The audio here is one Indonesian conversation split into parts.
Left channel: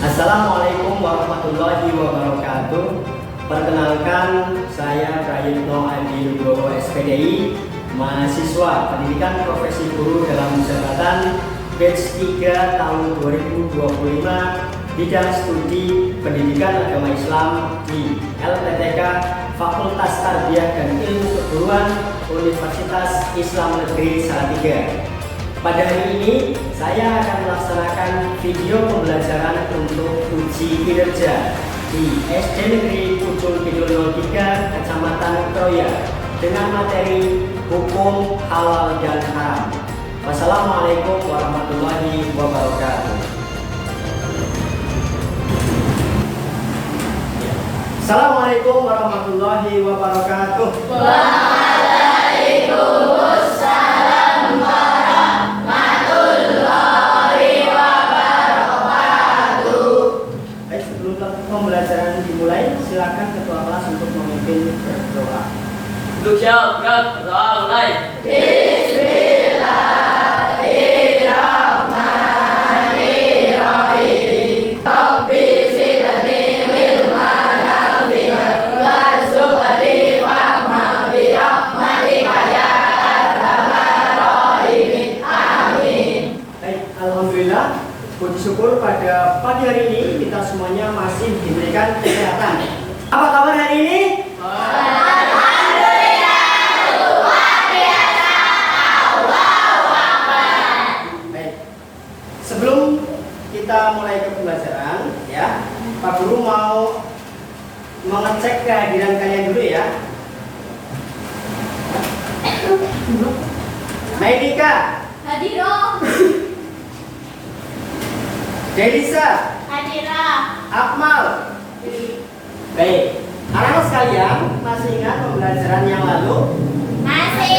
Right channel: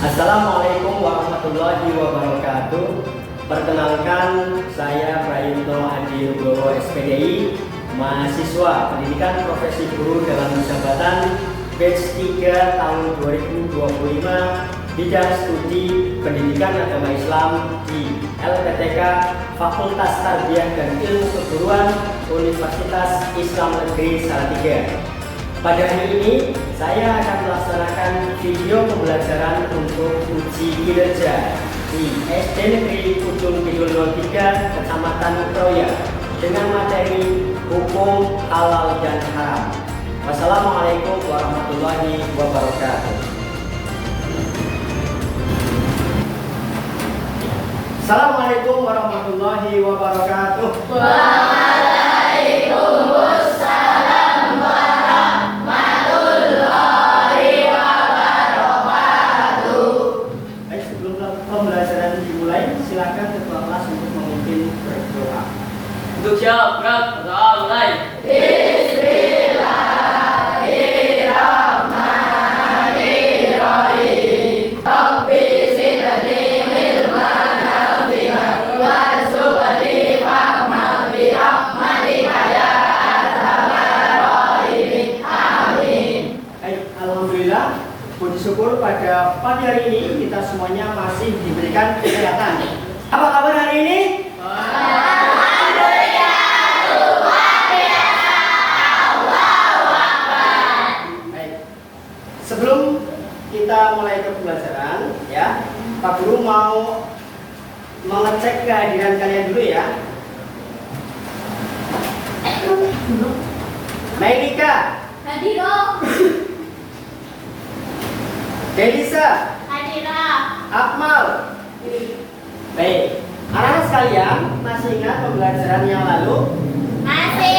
Assalamualaikum warahmatullahi wabarakatuh. Perkenalkan, saya Prayitno Adi Nugroho SPDI, mahasiswa Pendidikan Profesi Guru dalam Jabatan batch 3 tahun 2025, bidang studi Pendidikan Agama Islam di LPTK Fakultas Tarbiyah dan Ilmu Keguruan Universitas Islam Negeri Salatiga. Pada hari ini, saya akan melaksanakan video pembelajaran untuk uji kinerja di SD Negeri Ujung Kidul 03, Kecamatan Kroya, dengan materi hukum halal dan haram. Wassalamualaikum warahmatullahi wabarakatuh. Assalamualaikum warahmatullahi wabarakatuh. Waalaikumsalam warahmatullahi wabarakatuh. Baik, sebelum pembelajaran dimulai, silakan ketua kelas untuk memimpin berdoa. Untuk siap, gerak, berdoa mulai. Bismillahirrahmanirrahim. Rabbi zidni ilman nafi'an warzuqni fahman bi rahmatika ya arhamar rahimin. Amin. Baik, alhamdulillah, puji syukur pada pagi hari ini kita semuanya masih diberikan kesehatan. Apa kabar hari ini? Baik. Sebelum kita mulai ke pembelajaran, ya, Pak Guru mau mengecek kehadiran kalian dulu ya. Mailika, Hadirah. Delisa, Hadirah. Akmal. Baik, anak-anak sekalian masih ingat pembelajaran yang lalu? Masih.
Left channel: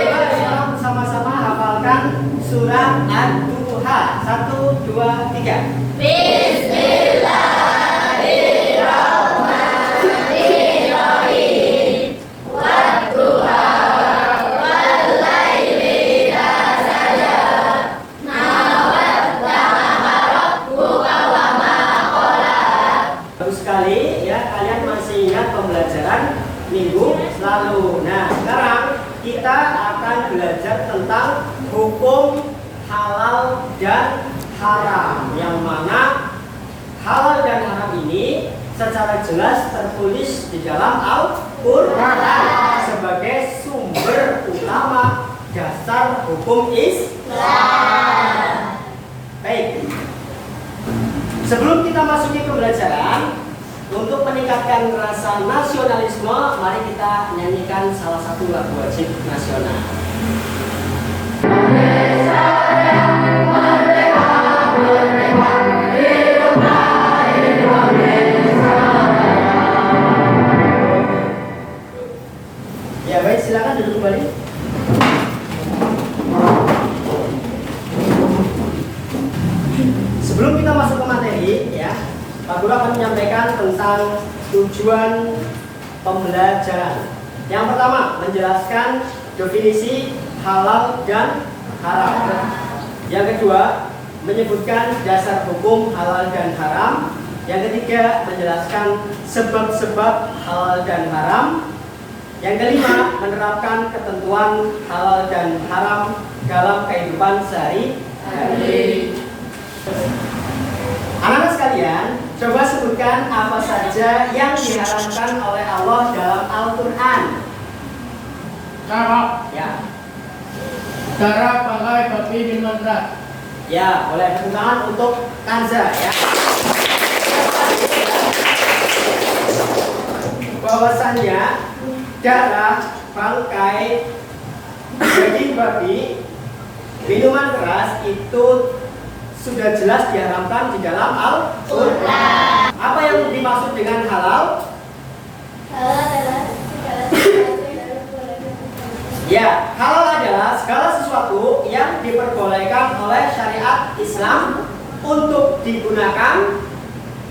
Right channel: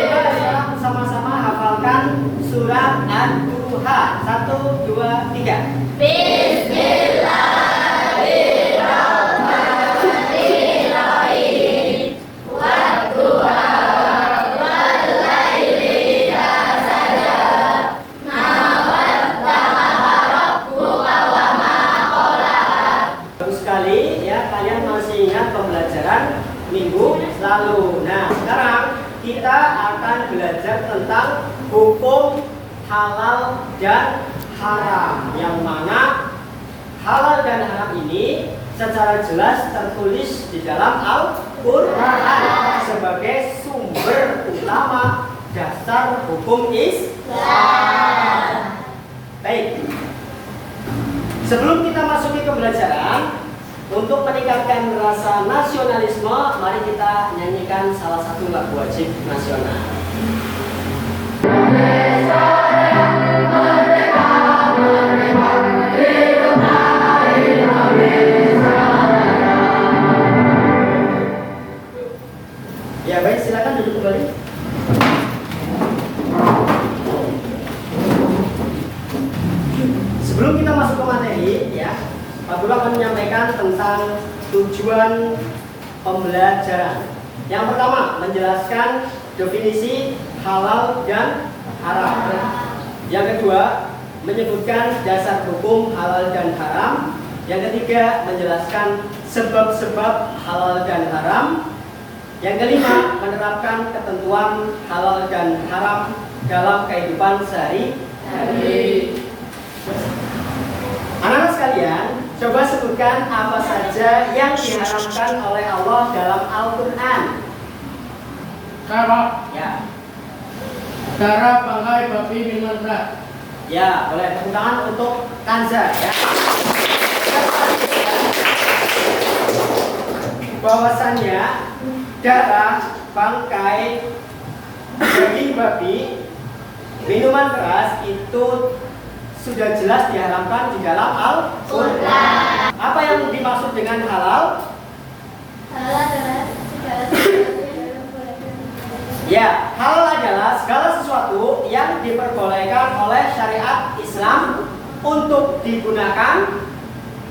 Coba sekarang bersama-sama hafalkan surat Ad-Duha. 1, 2, 3. Bismillahirrahmanirrahim. Wadduha wallaili idza saja. Ma wadda'aka rabbuka wa ma qala. Bagus sekali ya, kalian masih ingat pembelajaran minggu lalu. Nah, sekarang kita akan belajar tentang hukum halal dan haram, yang mana halal dan haram ini secara jelas tertulis di dalam Al-Quran sebagai sumber utama dasar hukum Islam. Baik, sebelum kita masuki ke pembelajaran, untuk meningkatkan rasa nasionalisme, mari kita nyanyikan salah satu lagu wajib nasional. Ya baik, silakan duduk kembali. Sebelum kita masuk ke materi, ya, Pak Guru akan menyampaikan tentang tujuan pembelajaran. Yang pertama, menjelaskan definisi halal dan haram. Yang kedua, menyebutkan dasar hukum halal dan haram. Yang ketiga, menjelaskan sebab-sebab halal dan haram. Yang kelima, menerapkan ketentuan halal dan haram dalam kehidupan sehari-hari. Anak-anak sekalian, coba sebutkan apa saja yang diharamkan oleh Allah dalam Al-Quran. Sama, Ya, darah, bangkai, babi, minuman keras. ya, boleh tepuk tangan untuk Kanza ya. Bahwasannya darah, bangkai, daging babi, minuman keras itu sudah jelas diharamkan di dalam Al-Quran. Apa yang dimaksud dengan halal? Halal adalah segala sesuatu yang boleh. Ya, halal adalah segala sesuatu yang diperbolehkan oleh syariat Islam untuk digunakan,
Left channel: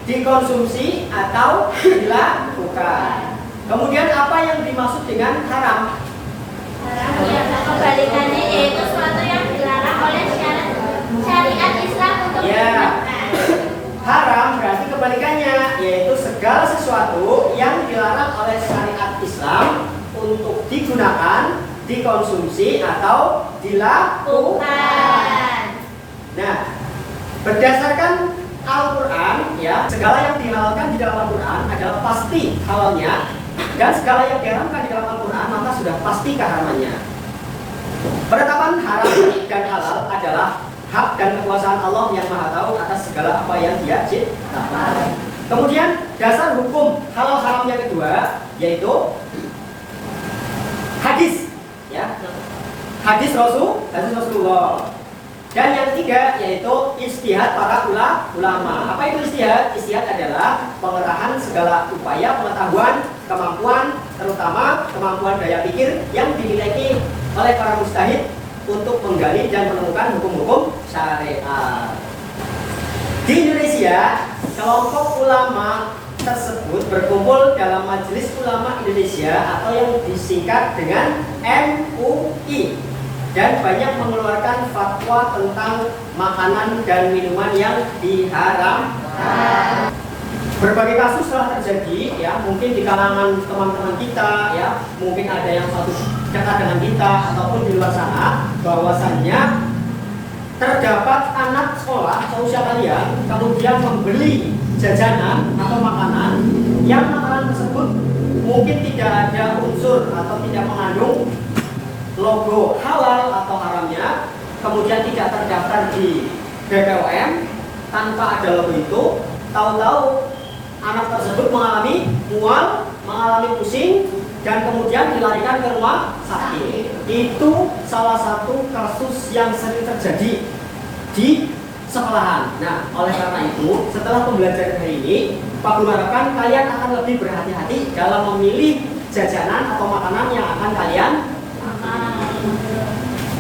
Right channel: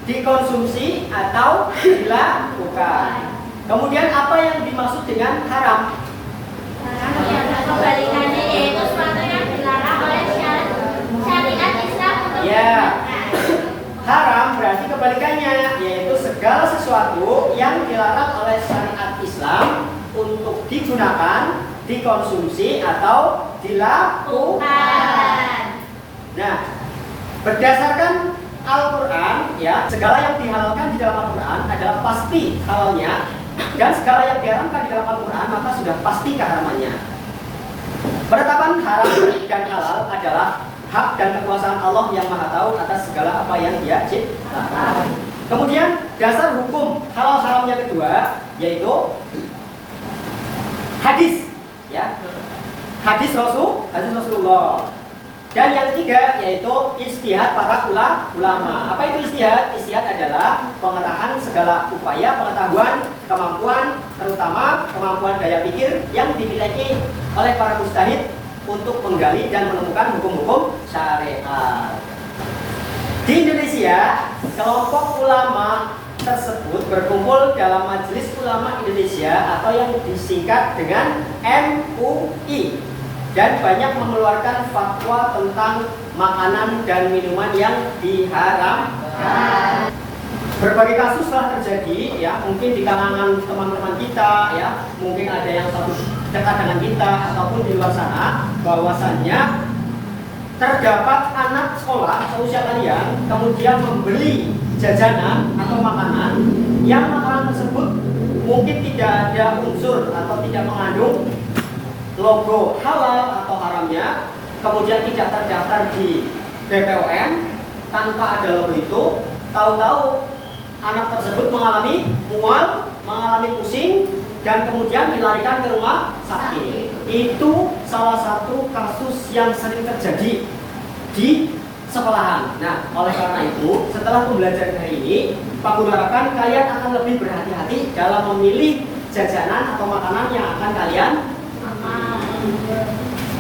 dikonsumsi, atau dilakukan. Kemudian apa yang dimaksud dengan haram? Haram yang kebalikannya yaitu sesuatu yang dilarang oleh syariat Islam untuk Ya. digunakan. sesuatu yang dilarang oleh syariat Islam untuk digunakan, dikonsumsi atau dilakukan. Nah, berdasarkan Al-Quran, ya, segala yang dihalalkan di dalam Al-Quran adalah pasti halalnya, dan segala yang diharamkan di dalam Al-Quran maka sudah pasti keharamannya. Penetapan haram dan halal adalah hak dan kekuasaan Allah yang Maha Tahu atas segala apa yang Dia ciptakan. Kemudian dasar hukum halal haramnya kedua yaitu hadis, ya, hadis Rasulullah. Dan yang ketiga yaitu ijtihad para ulama. Apa itu ijtihad? Ijtihad adalah pengerahan segala upaya, pengetahuan, kemampuan, terutama kemampuan daya pikir yang dimiliki oleh para mujtahid untuk menggali dan menemukan hukum-hukum syariat. Di Indonesia, kelompok ulama tersebut berkumpul dalam Majelis Ulama Indonesia atau yang disingkat dengan MUI, dan banyak mengeluarkan fatwa tentang makanan dan minuman yang diharamkan. Berbagai kasus telah terjadi, ya, mungkin di kalangan teman-teman kita, ya, mungkin ada yang satu dekat dengan kita ataupun di luar sana, bahwasannya terdapat anak sekolah seusia kalian kemudian membeli jajanan atau makanan yang makanan tersebut mungkin tidak ada unsur atau tidak mengandung logo halal atau haramnya, kemudian tidak terdaftar di BPOM, tanpa ada logo itu, tahu-tahu anak tersebut mengalami mual, mengalami pusing, dan kemudian dilarikan ke rumah sakit. Itu salah satu kasus yang sering terjadi di sekolahan. Nah, oleh karena itu, setelah pembelajaran hari ini, Pak Guru harapkan kalian akan lebih berhati-hati dalam memilih jajanan atau makanan yang akan kalian.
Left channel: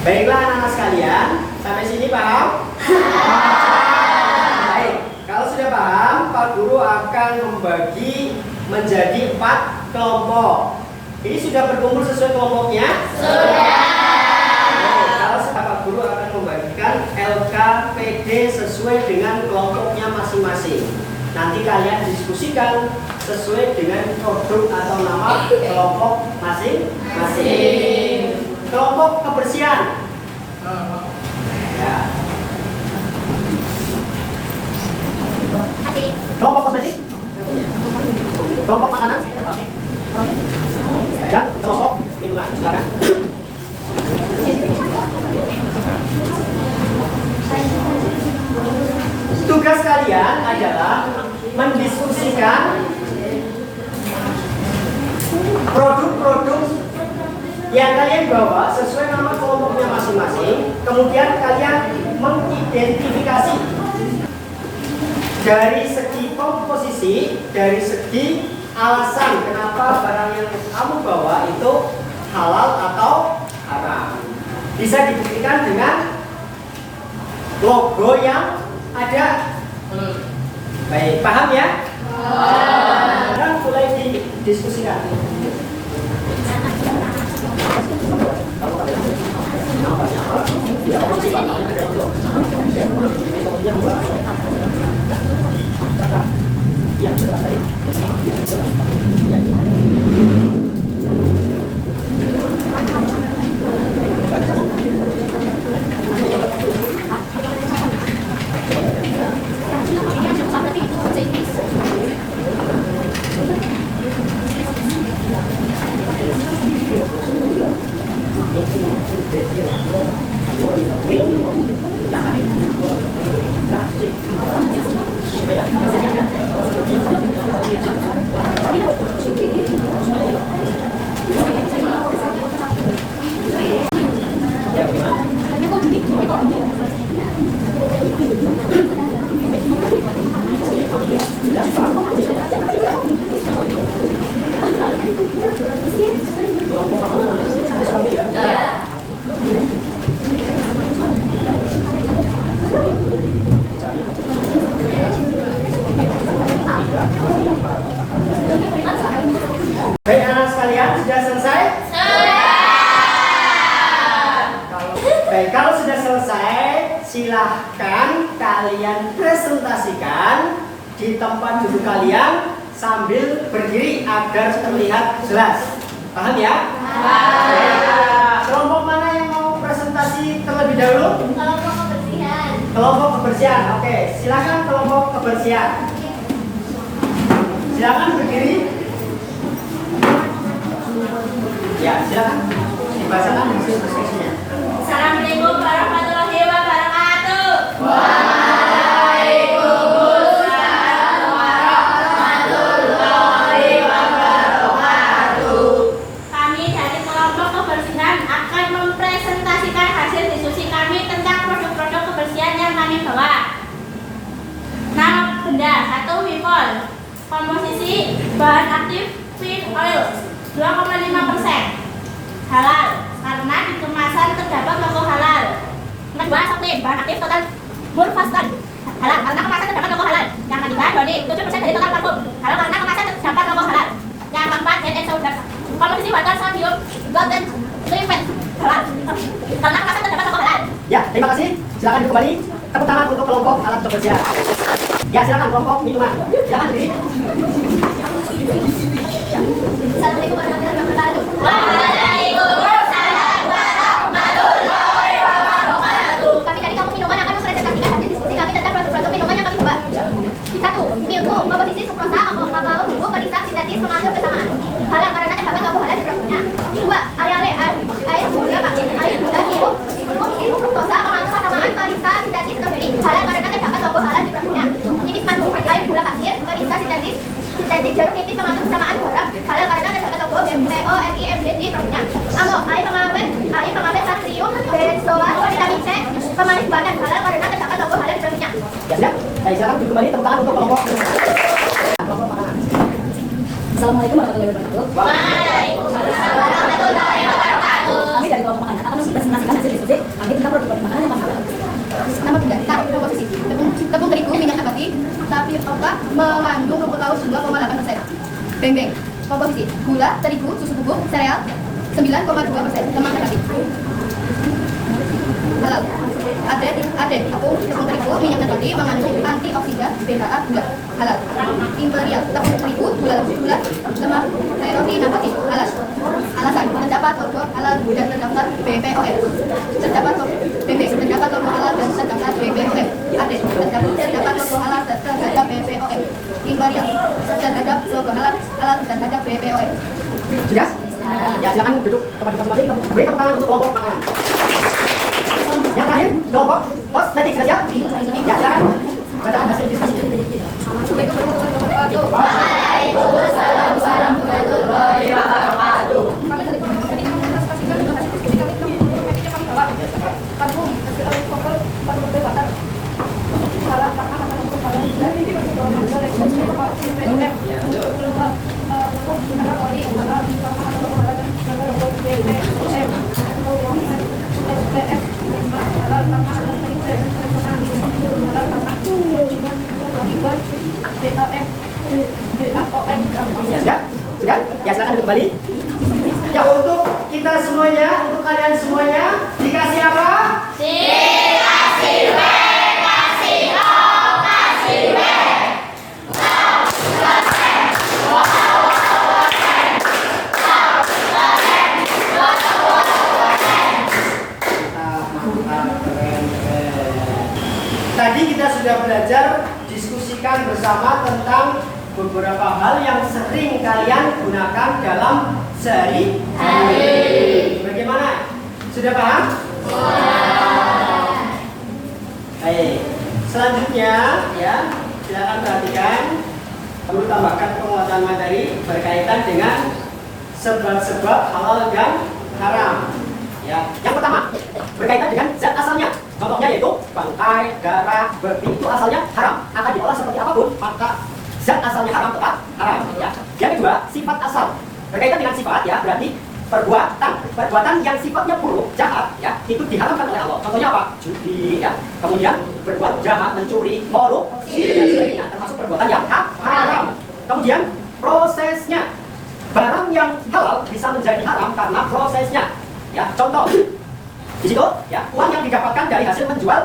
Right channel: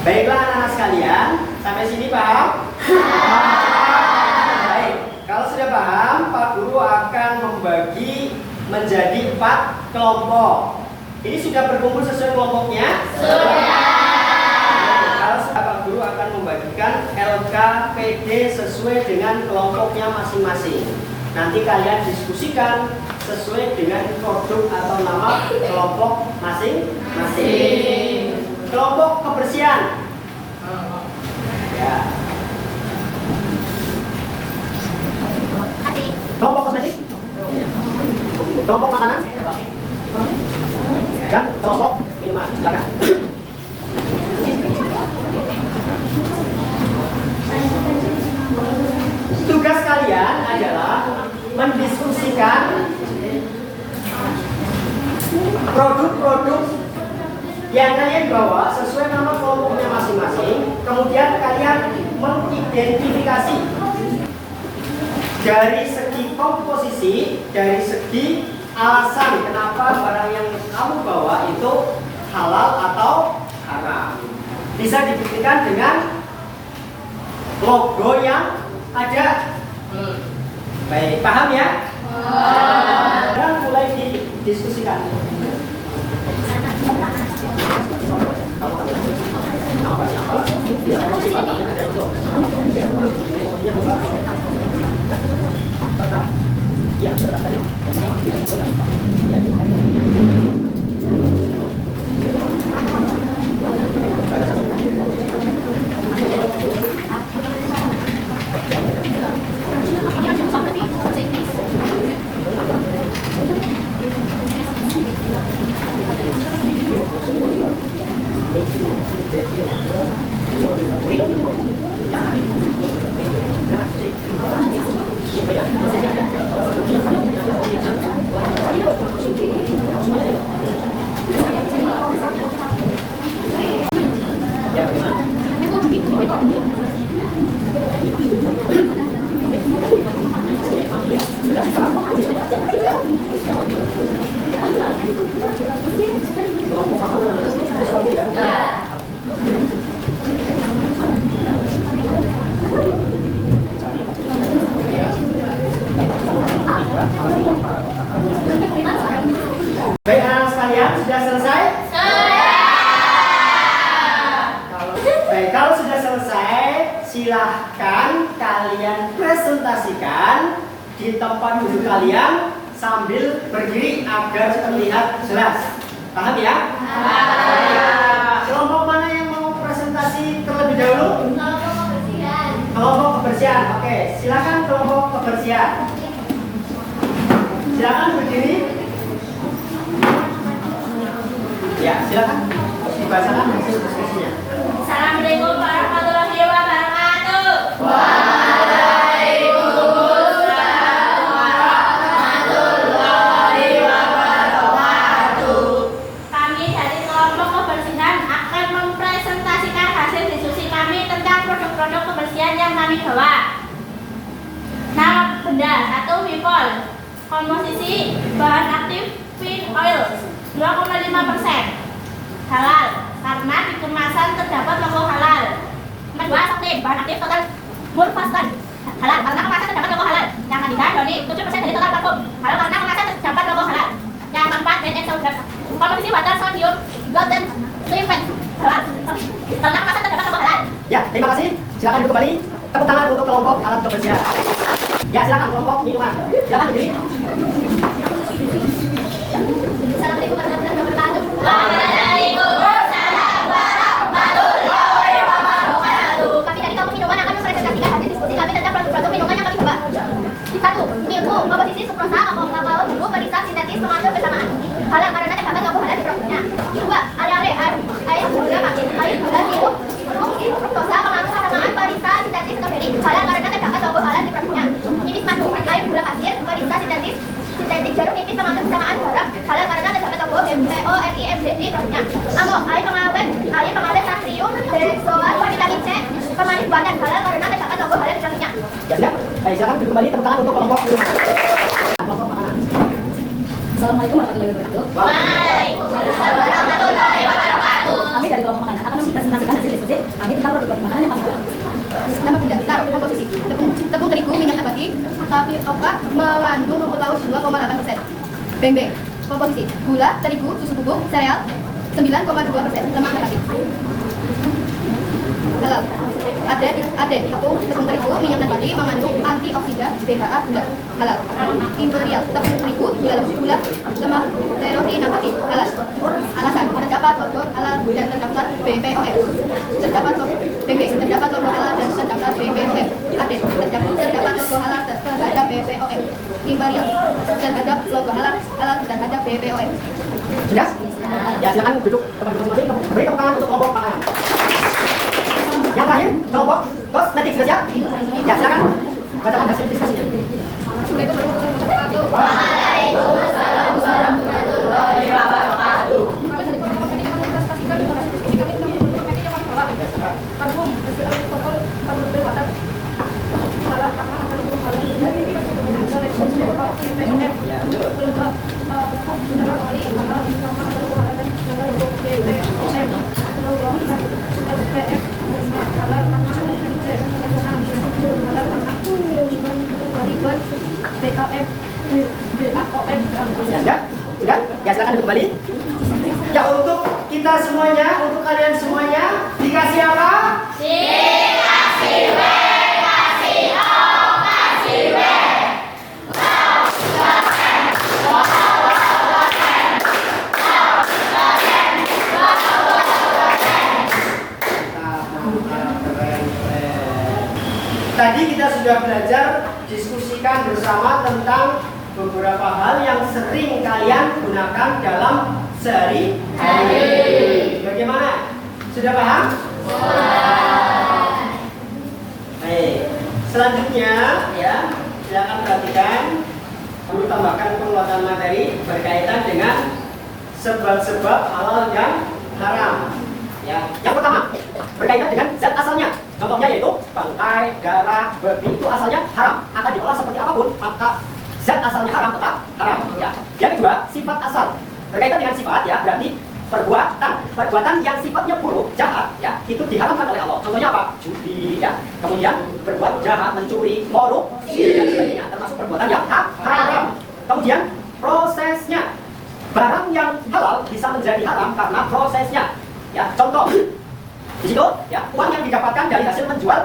Baiklah anak-anak sekalian, sampai sini paham? Baik, kalau sudah paham, Pak Guru akan membagi menjadi 4 kelompok. Ini sudah berkumpul sesuai kelompoknya? Sudah. Kalau sudah, Pak Guru akan membagikan LKPD sesuai dengan kelompoknya masing-masing. Nanti kalian diskusikan sesuai dengan produk atau nama kelompok masing-masing. Kelompok kebersihan, ya. Kelompok kosmetik, kelompok makanan, dan kelompok minuman. Silakan. Tugas kalian adalah mendiskusikan produk-produk yang kalian bawa sesuai nama kelompoknya masing-masing. Kemudian kalian mengidentifikasi dari segi komposisi, dari segi alasan kenapa barang yang kamu bawa itu halal atau haram. Bisa dibuktikan dengan logo yang ada. Baik, paham ya? Dan mulai didiskusikan. Baik anak sekalian, sudah selesai? Baik, kalau sudah selesai, silahkan kalian presentasikan di tempat duduk kalian sambil berdiri agar terlihat jelas. Paham ya? Kelompok mana yang mau presentasi terlebih dahulu? Kelompok kebersihan. Kelompok kebersihan. Oke, silakan kelompok kebersihan. Silakan berdiri. Ya, silakan dibacakan hasil diskusinya. Assalamualaikum warahmatullahi wabarakatuh. Kami dari kelompok kebersihan akan mempresentasikan hasil diskusi kami tentang produk-produk kebersihan yang kami bawa. Nama benda 1 Wipol. Komposisi bahan aktif feed oil 2,5%. Halal karena di kemasan terdapat logo halal. Kedua, Soktim bahan aktif total Mulfaston. Halal karena kemasan terdapat logo halal. Yang ketiga, Doni 7% dari total parfum. Halal karena kemasan terdapat logo halal. Yang keempat, NX komposisi water sodium golden sulfate. Halal karena kemasan terdapat logo halal. Ya, terima kasih. Silakan duduk kembali. Tepuk tangan untuk kelompok alat kebersihan. Ya, silakan kelompok minuman. Silakan berdiri. Assalamualaikum warahmatullahi wabarakatuh. Waalaikumsalam warahmatullahi wabarakatuh. Kami dari kelompok minuman akan mempresentasikan hasil diskusi kami tentang produk-produk minuman yang kami coba. 1. Milku, komposisi sukrosa, kakao, bumbu, pedisang, sintetis, mengandung bersamaan. Halal karena terdapat logo halal di produknya. 2. Aleare, air gula pasir, air gula sirup, fruktosa, mengandung bersamaan, pedisang, sintetis, strawberry. Halal karena terdapat logo halal di produknya. Nipis madu, air gula pasir, pedisang, sintetis jeruk nipis mengandung bersamaan garam. Halal karena terdapat logo BPOMIMD di produknya. Amo, air pengawet natrium, benzoat, vitamin C, pemanis badan. Halal karena terdapat logo halal di produknya. Ya, siap. Baik, silakan duduk kembali. Tepuk tangan untuk kelompok minuman. Kelompok makanan. Assalamualaikum warahmatullahi wabarakatuh. Waalaikumsalam warahmatullahi wabarakatuh. Kami dari kelompok makanan akan mempresentasikan hasil diskusi kami tentang produk makanan yang kami jual. Nama benda, komposisi tepung terigu, minyak nabati, tapioka mengandung rumput laut 2,8%. Beng-beng, komposisi gula, terigu, susu bubuk, sereal 9,2%, lemak nabati. Halal, ade, tepung terigu, minyak nabati mengandung antioksidan, BHA, gula. Halal. Imperial, tepung terigu, gula, lemak protein nabati. Halal. Alasan, terdapat logo halal dan terdapat BPOM. Terdapat logo beng-beng, terdapat logo halal dan terdapat BPOM. Ade, terdapat logo halal dan terdapat BPOM. Imperial, terdapat logo halal dan terdapat BPOM. Sudah? Ya, silakan duduk teman-teman masing. Beri tepuk tangan untuk kelompok makanan. Yang terakhir, kelompok kosmetik saja. Ya, silakan. Bacakan hasil diskusinya. Assalamualaikum warahmatullahi wabarakatuh. Waalaikumsalam warahmatullahi wabarakatuh. Kami dari kelompok tadi mempresentasikan hasil diskusi kami tentang kosmetik yang kami bawa. Parfum, meski oleh pokok, parfum water. Halal karena ada logo halal dan Ya, sudah? Sudah? Ya, silakan duduk kembali. Ya, untuk kita semuanya, untuk kalian semuanya, dikasih apa? Dikasih W, kasih O, kasih W. Tadi kita sudah belajar diskusikan bersama tentang beberapa hal yang sering kalian gunakan dalam sehari-hari. Bagaimana? Sudah paham? Baik. Selanjutnya, ya, silakan perhatikan. Perlu tambahkan penguatan materi berkaitan dengan sebab-sebab halal dan haram. Ya, yang pertama berkaitan dengan zat asalnya. Contohnya yaitu bangkai, darah, babi itu asalnya haram. Akan diolah seperti apapun, maka zat asalnya haram tetap haram. Ya. Yang kedua, sifat asal. Berkaitan dengan sifat, ya, berarti perbuatan yang sifatnya buruk, jahat, ya, itu diharamkan oleh Allah. Contohnya apa? Judi, ya. Kemudian berbuat jahat, mencuri, korupsi dan sebagainya, termasuk perbuatan yang haram. Kemudian prosesnya, barang yang halal bisa menjadi haram karena prosesnya. Ya, contoh di situ, ya, uang yang didapatkan dari hasil menjual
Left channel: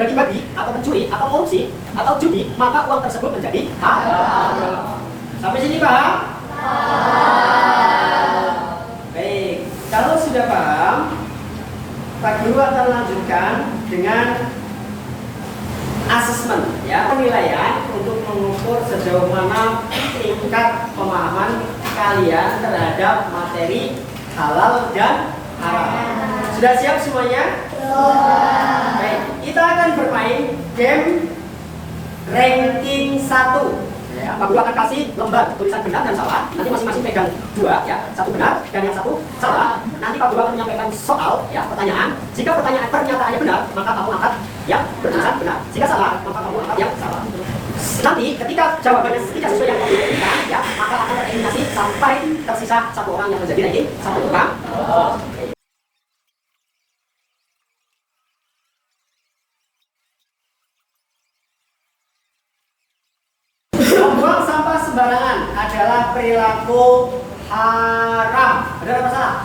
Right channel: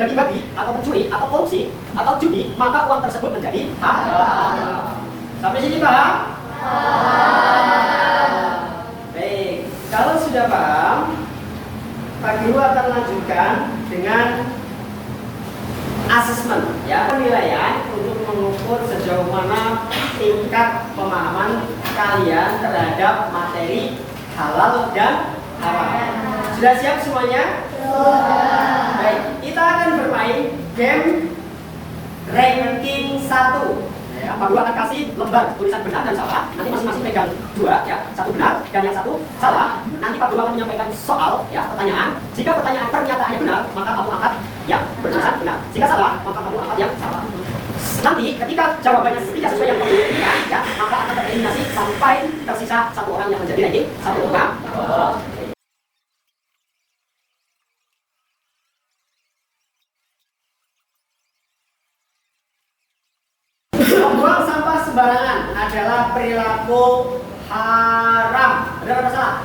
daging babi atau mencuri atau korupsi atau judi, maka uang tersebut menjadi haram. Sampai sini paham? Baik, kalau sudah paham, Pak Guru akan lanjutkan dengan asesmen, ya, penilaian untuk mengukur sejauh mana tingkat pemahaman kalian terhadap materi halal dan haram. Sudah siap semuanya? Baik, kita akan bermain game ranking 1. Ya, Pak Guru akan kasih lembar tulisan benar dan salah. Nanti masing-masing pegang 2, ya, 1 benar dan yang 1 salah. Nanti Pak Guru akan menyampaikan soal, ya, pertanyaan. Jika pertanyaan pernyataannya benar, maka kamu angkat yang bertulisan benar. Jika salah, maka kamu angkat yang salah. Nanti ketika jawabannya tidak sesuai yang kamu inginkan, ya, maka akan tereliminasi sampai tersisa 1 orang yang menjadi ranking 1 orang. Membuang sampah sembarangan adalah perilaku haram. Benar atau salah?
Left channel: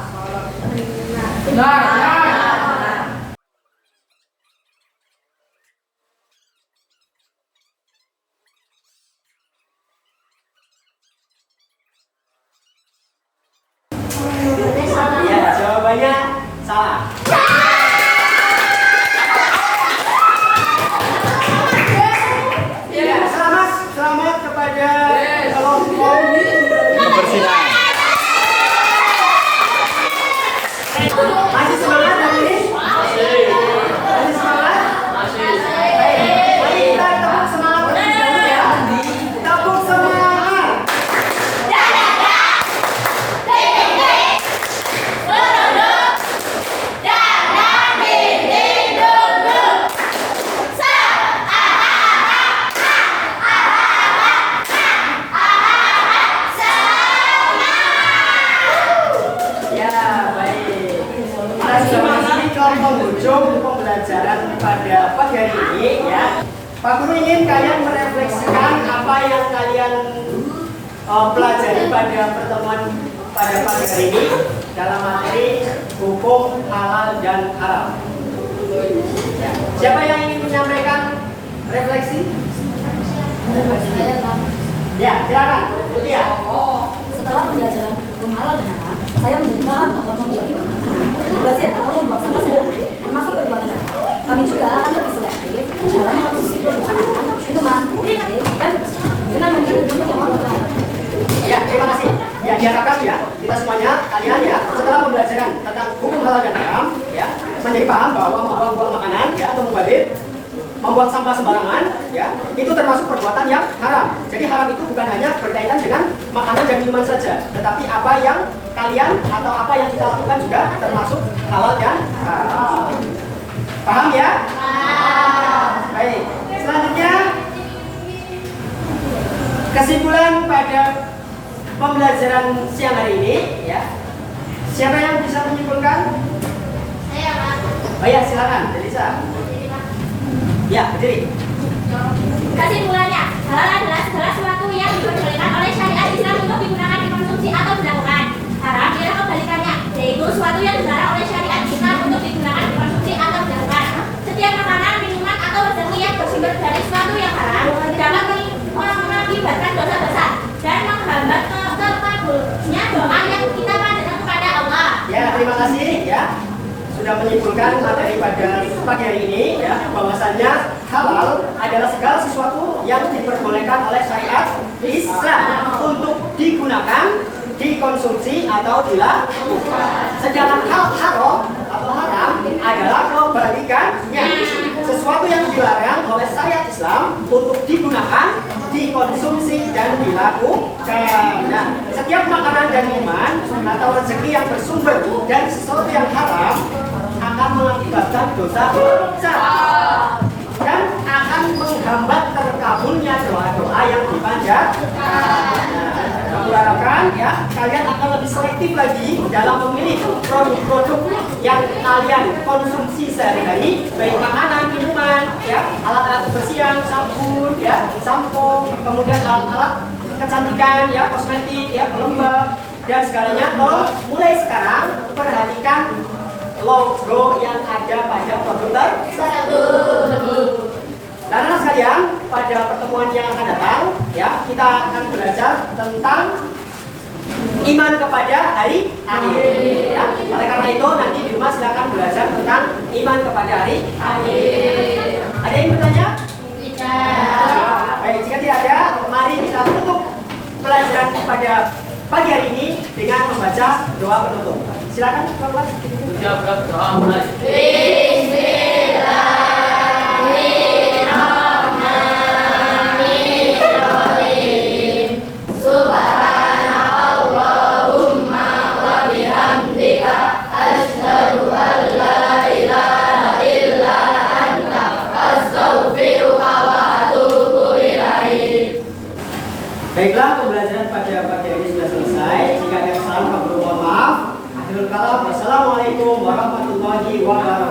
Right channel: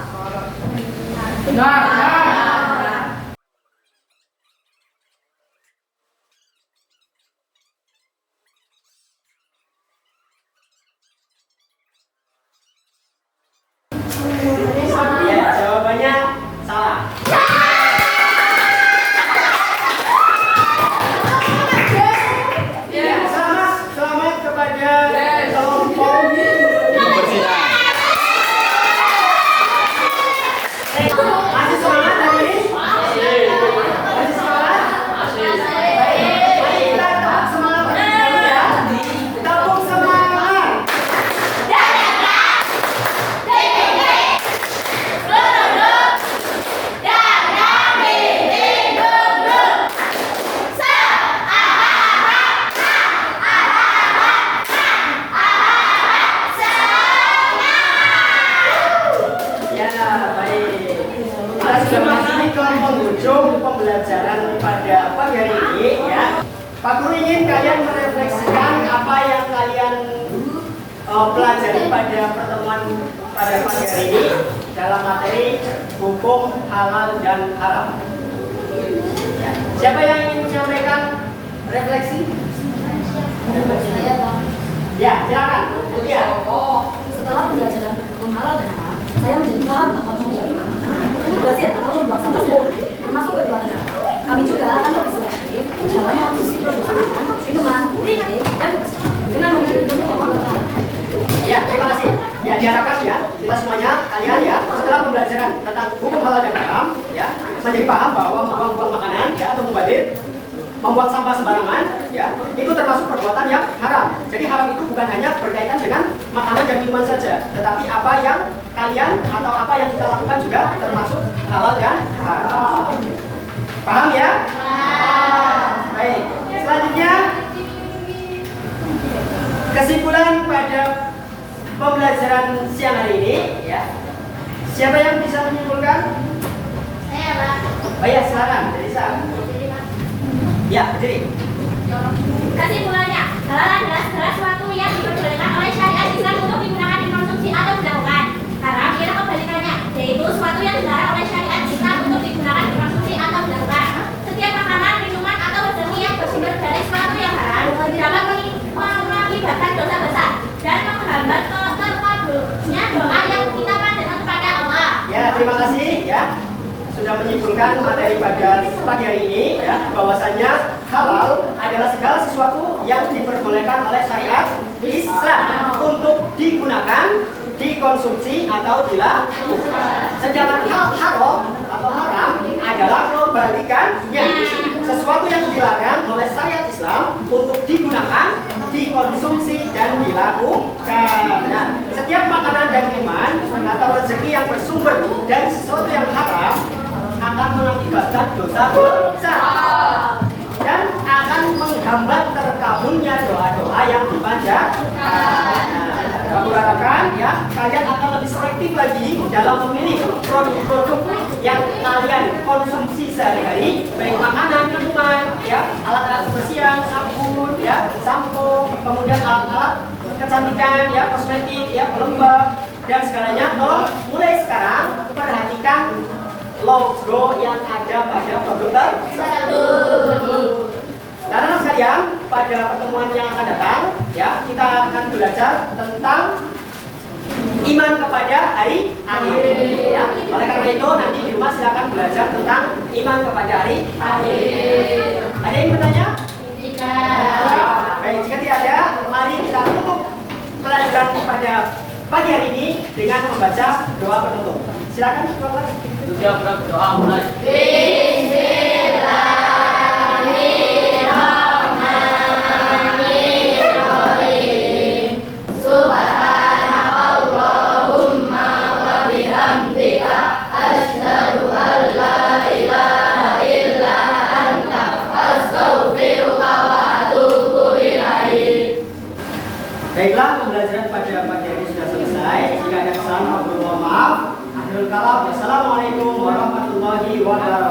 Benar. Iya, jawabannya salah. Ya, selamat kepada kelompok Kebersihan. masih semangat hari ini? Masih semangat? Baik, mari kita tepuk semangat terlebih dahulu ya. Tepuk semangat. Ya, baik. Kita sudah masuk ke penghujung pembelajaran pada pagi hari ini, ya. Pak Guru ingin kalian merefleksikan apa yang kalian pelajari pada pertemuan pada pagi hari ini dalam materi hukum halal dan haram. Ya. Siapa yang ingin menyampaikan refleksi? Ya, silakan. Ya. Setelah pembelajaran hukum halal dan haram, saya menjadi paham bahwa pembelajaran regulasi atau membuang sampah sembarangan termasuk perbuatan haram. Kami juga akan lebih selektif dalam konsumsi produk minuman, dan dengan memilih jenis yang menguntungkan. Ya, terima kasih. Ya, diharapkan ya, kita semuanya, kalian ya, setelah pembelajaran tentang hukum halal dan haram, ya, menjadi paham bahwa membuang makanan, ya, atau membuang sampah sembarangan, ya, itu termasuk perbuatan yang haram. Jadi haram itu bukan hanya berkaitan dengan makanan dan minuman saja, tetapi apa yang kalian atau apa yang kita lakukan juga termasuk halal dan haram. Paham ya? Baik. Selanjutnya, kesimpulan pada pembelajaran siang hari ini, ya. Siapa yang bisa menyimpulkan? Saya, Pak. Oh ya, silakan, Delisa. Ya, berdiri. Kesimpulannya, halal adalah segala sesuatu yang diperbolehkan oleh syariat Islam untuk digunakan, dikonsumsi atau dilakukan. Haram ialah kebalikannya, yaitu sesuatu yang dilarang oleh syariat Islam untuk digunakan, dikonsumsi atau dilakukan. Setiap makanan, minuman atau rezeki yang bersumber dari sesuatu yang haram dapat mengakibatkan dosa besar dan menghambat terkabulnya doa yang kita panjatkan kepada Allah. Ya, terima kasih ya. Sudah menyimpulkan materi pada pagi hari ini, ya, bahwasanya halal adalah segala sesuatu yang diperbolehkan oleh syariat Islam untuk digunakan, dikonsumsi atau dilakukan. Sedangkan haram atau haram adalah kebalikannya, sesuatu yang dilarang oleh syariat Islam untuk digunakan, dikonsumsi dan dilakukan. Nah, setiap makanan dan minuman atau rezeki yang bersumber dari sesuatu yang haram akan mengakibatkan dosa besar dan akan menghambat terkabulnya doa-doa yang dipanjatkan. Aku harapkan ya kalian akan lebih selektif lagi dalam memilih produk-produk yang kalian konsumsi sehari-hari, baik makanan, minuman, ya, alat-alat kebersihan, sabun, ya, sampo, kemudian alat-alat kecantikan, ya, kosmetik, ya, pelembab dan segalanya. Tolong mulai sekarang perhatikan logo yang ada pada produk tersebut. Anak-anak sekalian, pada pertemuan yang akan datang, ya kita akan belajar tentang iman kepada hari akhir. Ya. Oleh karena itu nanti di rumah silakan belajar tentang iman kepada hari akhir. Ada yang bertanya? Tidak. Baik, jika tidak ada, mari kita tutup pelajaran pada pagi hari ini dengan membaca doa penutup. Silakan keluar. Untuk siap berdoa mulai. Baiklah, pembelajaran pada pagi hari ini sudah selesai. Jika ada kesalahan, mohon maaf. Akhirul kalam, wassalamualaikum warahmatullahi wabarakatuh.